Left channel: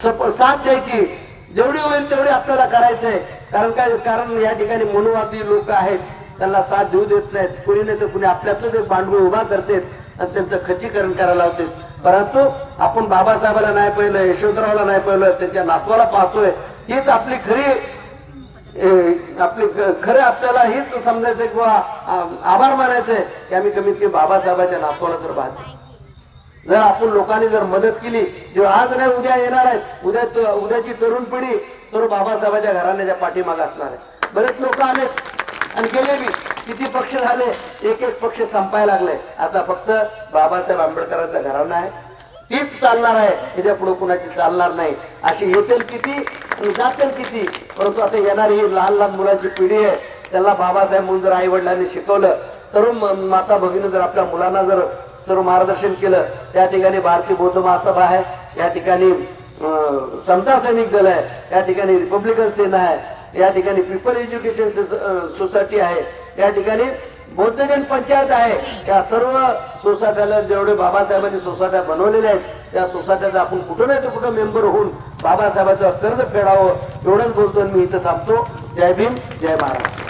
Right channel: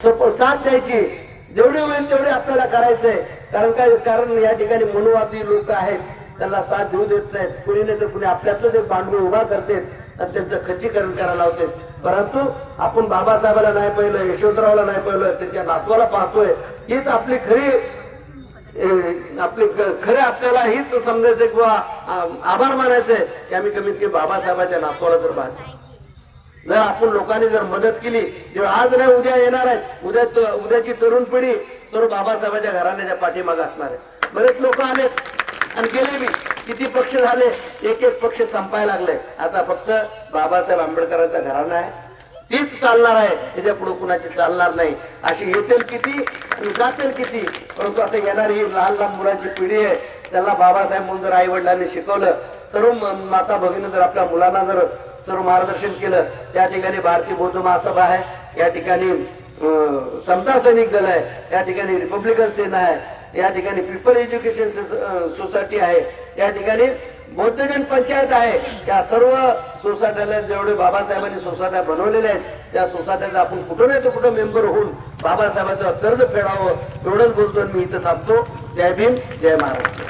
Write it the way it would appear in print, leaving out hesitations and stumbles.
साथ द्यायची, जेवढे होईल तेवढे आपल्याला करायचंय. कारण या ठिकाणी मनोवादी लोक आहेत, त्यांना साथ देऊ देत नाहीत. कुणी नाही तर कुणी आपल्यातलं ते बांधून उभा करते आणि त्यांचं खच्चीकरण करायला होते. परंतु आपण बाबासाहेबाला नाही पाहिलं, यशवंतरावला नाही पाहिलं, त्याच्या नातवाला पाहतोय. हीच आपली खरे आपल्याला हीच समजायचं किंवा आभार मानायचंय की आम्ही कमीत कमी बाबासाहेबाच्या नातवाला तर पाहतो. जर आपण लोकांनी जर मदत केली, जे आज नाही उद्या येणार आहेत, उद्याची तरुण पिढी सर्व बाबासाहेबांच्या घराण्याच्या पाठीमागे असणार आहे. बरेच लोक आले आणि गेले बी. किती पक्ष झाले, एक एक पक्ष संपायला लागले. आता फक्त बाबासाहेब आंबेडकरांचा घराणा आहे, तीच चालणार आहे. त्याच्या पुढे कुणाची चालणार नाही. अशी येतील किती आणि जातील किती, परंतु आता येणारी ही लहान लहान मुलांची पिढी आहे, त्याला बाबासाहेब म्हणून जर आई वडिलांनी शिकवलं, सर्व माता भगिनी जर आपल्या मुलांना जर सर्व मार्गदर्शन केलं. त्या ठिकाणी भारतीय बौद्ध महासभा आहे, या ठिकाणी समता सैनिक दल आहे, या ठिकाणी रिपब्लिकन सेना आहे, या ठिकाणी पीपल एज्युकेशन सोसायटी आहे, या ठिकाणी बौद्धजन पंचायत आहे. त्या सर्व सोसायट्याला जेवढे बाबासाहेबांनी सोसायट्या बनवलेल्या आहेत, त्या सोसायट्याचा आपण कुठं नाही तर कुठं मेंबर होऊन बाबासाहेबांचं कर्ज फेडावं, एवढंच बोलतो. मी इथं थांबतो. जय भीम, जय महाराष्ट्र.